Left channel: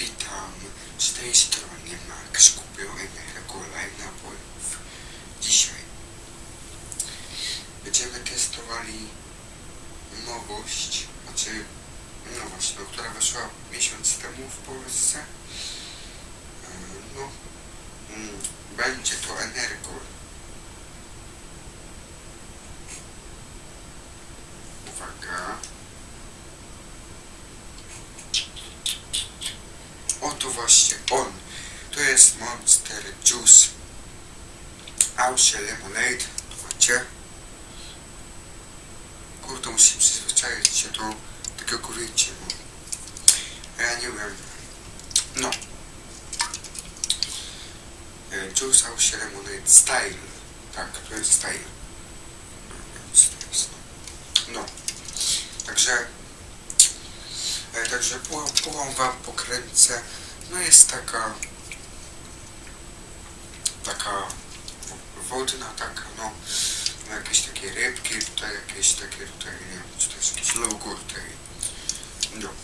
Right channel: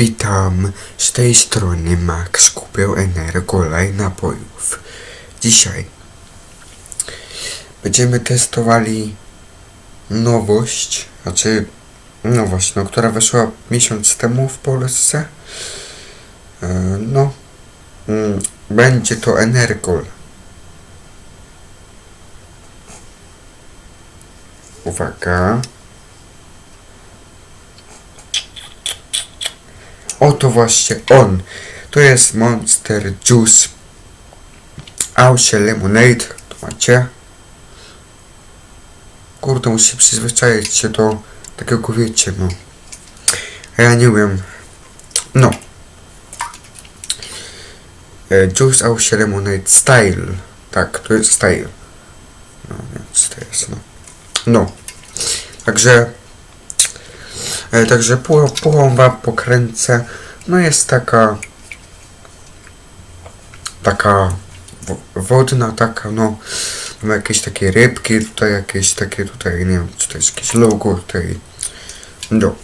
Witam, z tej strony Max kupił Energola i napojów. Dzisiaj będziemy testowali nowość, znaczy nowość, no, która weszła miesiąc temu w Polsce. E, No, mm, będzie to Energol. Uwaga. Oto właśnie on. To jest Monster Juice. Ausie Lemonade. Tu macie. Kurde, muszę przyzwyczaić się do takiego wiecie, no. Ja nie wiem. No. E, Juice Ausie Lemonade Style. Tak, to jest style. No, więc to jest, no. No. Także Także puchą, wam pokręcę. No jest taka taka wo- wodna, taka no ma jakieś takie rybki, tutaj jakieś takie tutaj, nie wiem, czy to jest jakieś logo tutaj. No.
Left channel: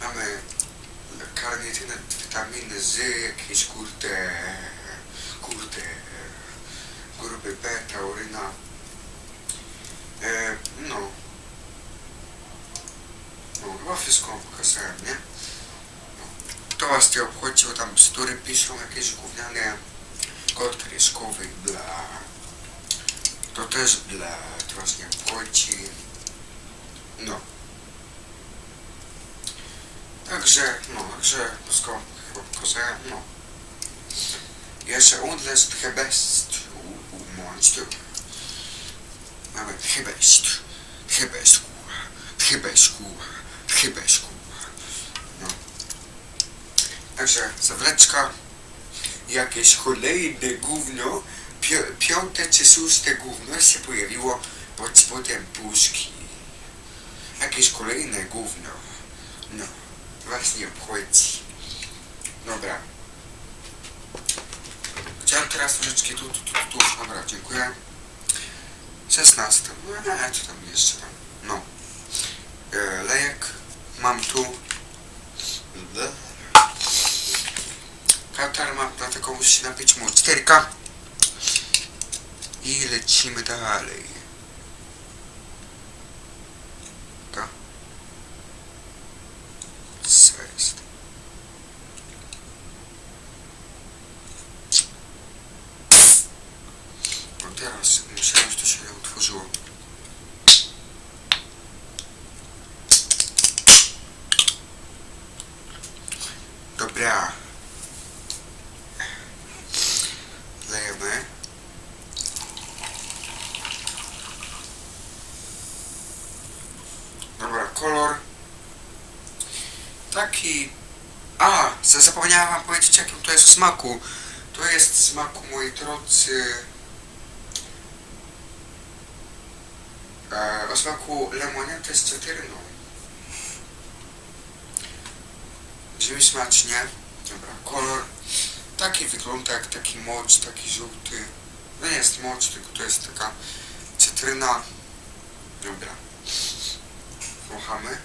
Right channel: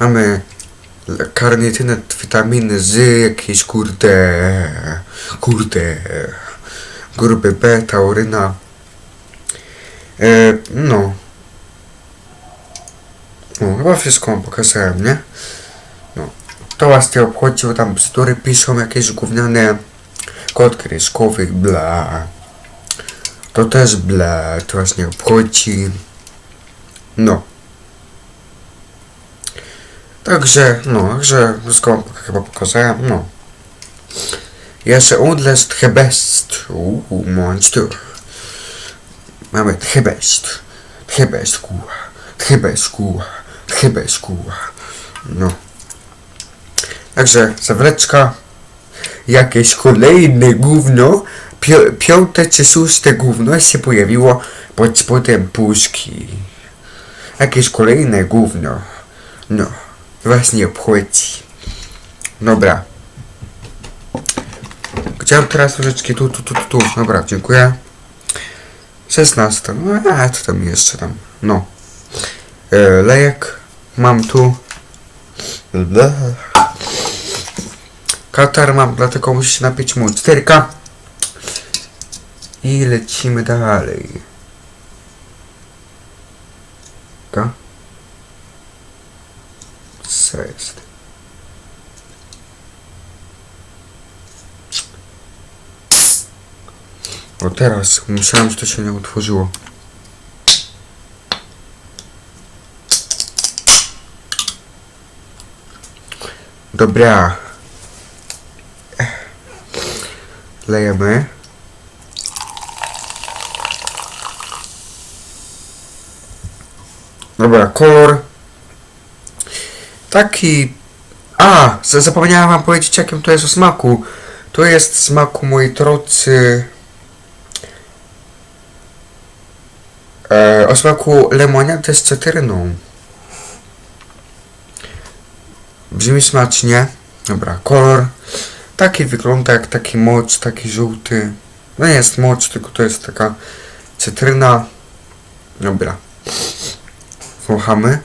Mamy karnitynę, witaminy z jakieś kurde kurde grupy B, tauryna. E, no. No, chyba wszystko wam pokazałem, nie? No. To was nie obchodzi, bo tam bzdury piszą jakieś gówniane kod kreskowy, bla. To też bla, to was nie obchodzi. No. Także, no, także wszystko chyba pokazałem, no. Jeszcze udlest hebest. Uuu, monster. Mamy hebest. Hebest, kurwa. Hebest, kurwa. Hebest, kurwa. No. Także zawleczka. Jakieś kolejne gówno. Pi- piąte czy szóste gówno się pojawiło pod spodem puszki. Jakieś kolejne gówno. No. Was nie obchodzi. Dobra. Chciałem teraz troszeczkę tu, tu, tu, tu, tu. Dobra, dziękuję. 16. No, a co tam jeszcze tam? No. E, lejek mam tu. Katar mam, dlatego muszę się napić mu 4K. I lecimy dalej. Ka? Co jest? O teraz, myślałem, że to się nie utworzyło. Dobra. Lejemy. Dobra, kolor. Taki. A, za- zapomniałem wam powiedzieć, jakim to jest o smaku. To jest smaku, moi drodzy. E, o smaku lemoniady z cytryną. Brzmi smacznie. Dobra, kolor. Taki wygląda jak taki mocz, taki żółty. No nie jest mocz, tylko to jest taka cytryna. Dobra. Wąchamy.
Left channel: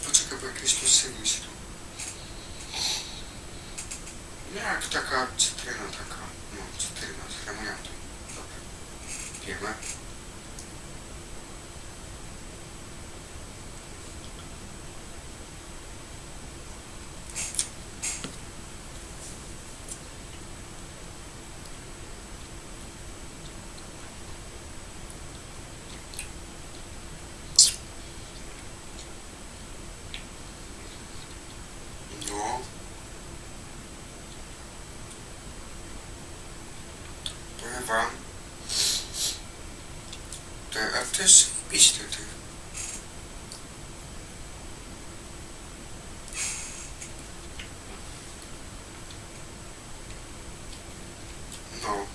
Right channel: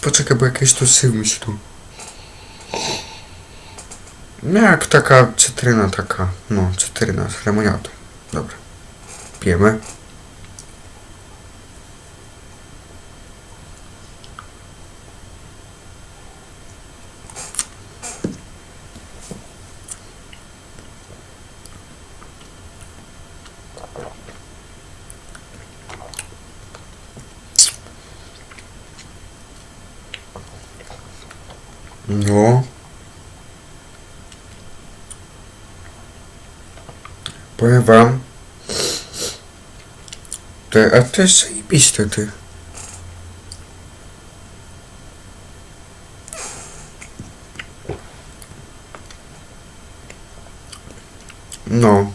Poczekaj, bo jakieś tu sył mi się tu. No jak taka cytryna taka, no cytryna z lemoniadą. Dobra. Pijemy. No. Powiem wam. Te, a to jest zajebiste, ty. No.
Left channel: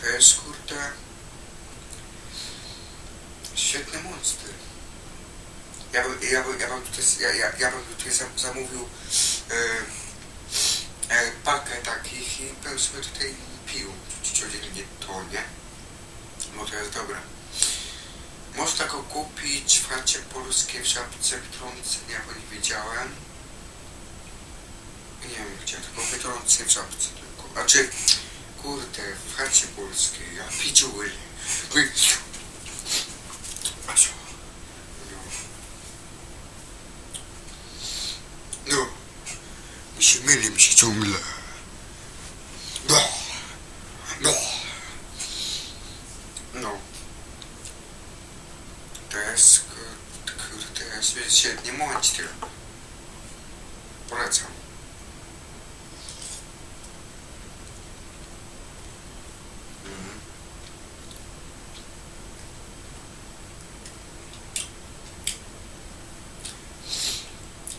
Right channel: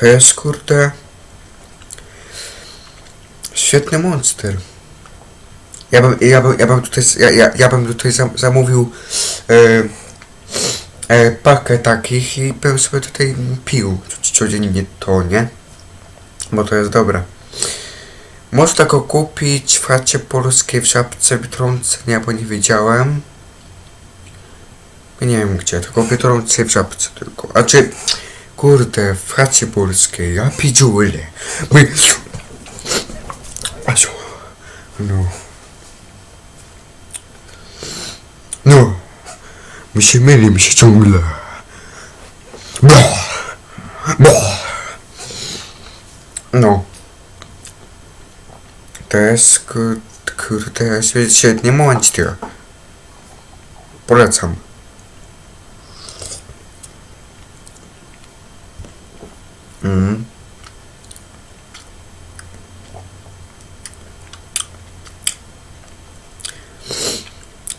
To jest kurde. Świetny monster. Ja bym, ja bym, ja bym tutaj, ja, ja, ja bym tutaj zam, zamówił e, e, pakę takich i bym sobie tutaj pił co- codziennie to, nie? Bo to jest dobre. Można go kupić w chacie polskiej w Żabce Biedronce, nie, bo nie wiedziałem. Nie wiem gdzie, tylko Biedronce w Żabce tylko. A czy, kurde, w chacie polskiej, ja pidziule. My... No. No. Mi się myli, mi się ciągle. Bla. Bla. No. To jest kur- kurde, świe- świetnie monster. Polecam. Mm.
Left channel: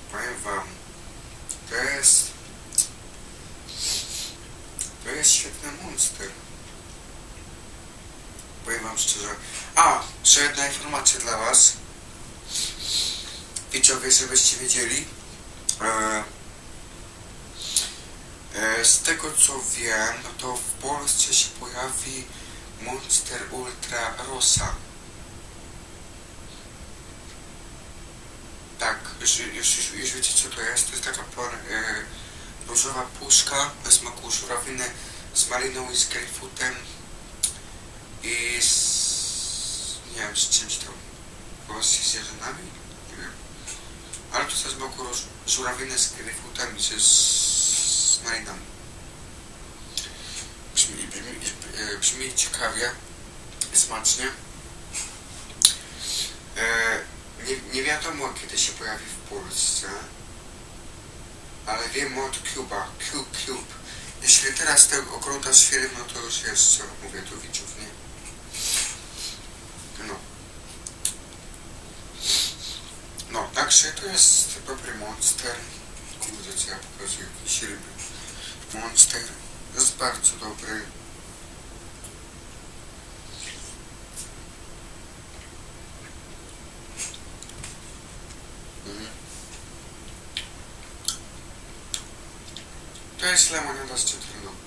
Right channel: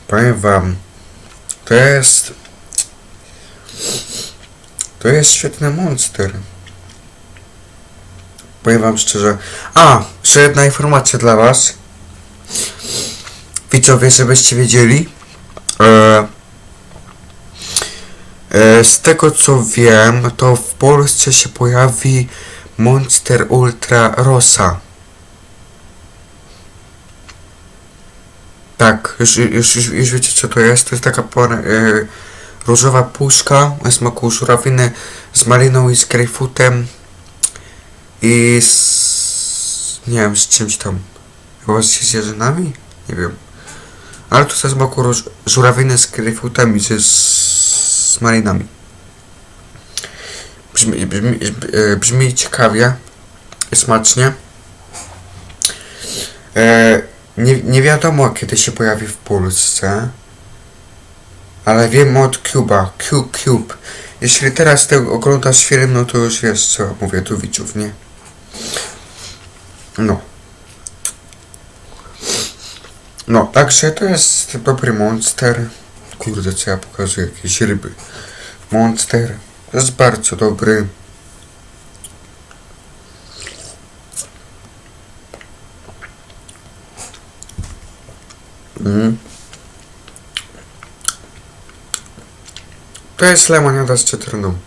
Powiem wam, to jest... To jest świetny monster. Powiem wam szczerze. A, jeszcze jedna informacja dla was. Widzowie, żebyście wiedzieli. E, e, z tego co wiem, to w Polsce się pojawi Monster Ultra Rosa. Tak, już, już, już, już wiecie co to jest. To jest taka pora, e, różowa puszka o smaku żurawiny z maliną i z grejpfrutem i z... nie wiem, z czymś tam. Chyba z jarzynami? Nie wiem. Ale to ze smaku róż, żurawiny z grejpfrutem i z, z malinami. Brzmi, brzmi, e, brzmi ciekawie i smacznie. E, nie, nie wiadomo kiedy się pojawi w Polsce. Ale wiem od Cuba. Cube, Cube. Jeśli teraz ty oglądasz film, no to już wiesz co mówię do widzów, nie? No. No, także to jest dobry monster. Kurde, co ja pokazuję? Jakieś ryby. Monster. Jest bardzo dobry. Mm. To jest lemoniada z cytryną.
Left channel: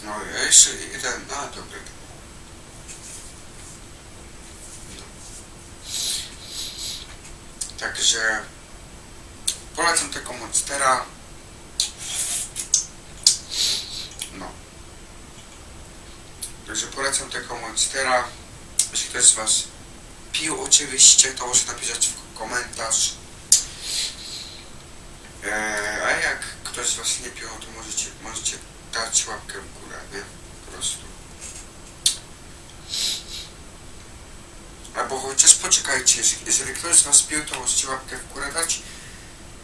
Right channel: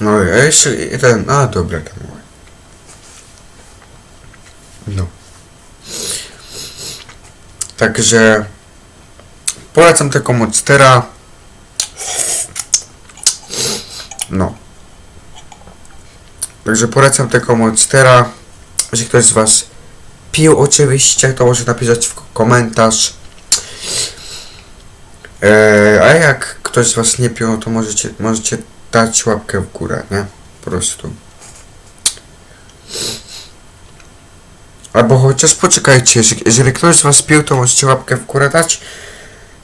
No, a jeszcze jeden. A, dobra, tam. No. Także polecam tego Monstera. No. Także polecam tego Monstera. Jeśli ktoś z Was pił oczywiście, to może napisać w komentarz. Eee, a jak ktoś z Was nie pił, to możecie, możecie dać łapkę w górę, nie? Po prostu. Albo chociaż poczekajcie, jeżeli, jeżeli ktoś z Was pił, to możecie łapkę w górę dać.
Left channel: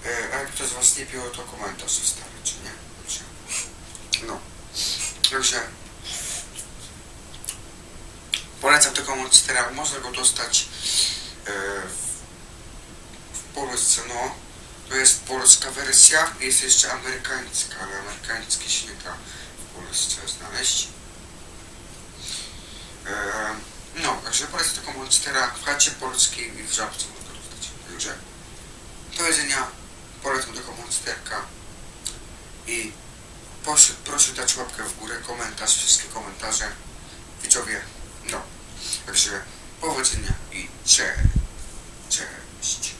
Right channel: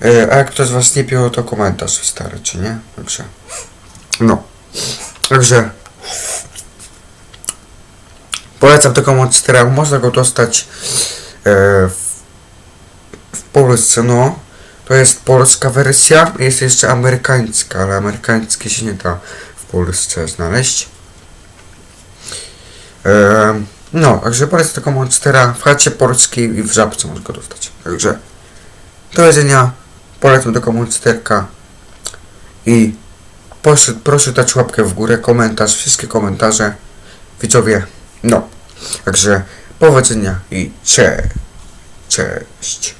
Eee, a jak ktoś z Was nie pił, to komentarz wystarczy, nie? Także. No. Także. Polecam tego monstera. Można go dostać e, w, w Polsce, no. To jest polska wersja, jest jeszcze amerykańska, ale amerykańskie się nie da w Polsce znaleźć. Ehm, no, także polecam tego monstera w chacie polskiej i w żabce można go dostać. Także do jedzenia, polecam tego monsterka i proszę, proszę dać łapkę w górę, komentarz, wszystkie komentarze, widzowie, no. Także powodzenia i cze, cześć.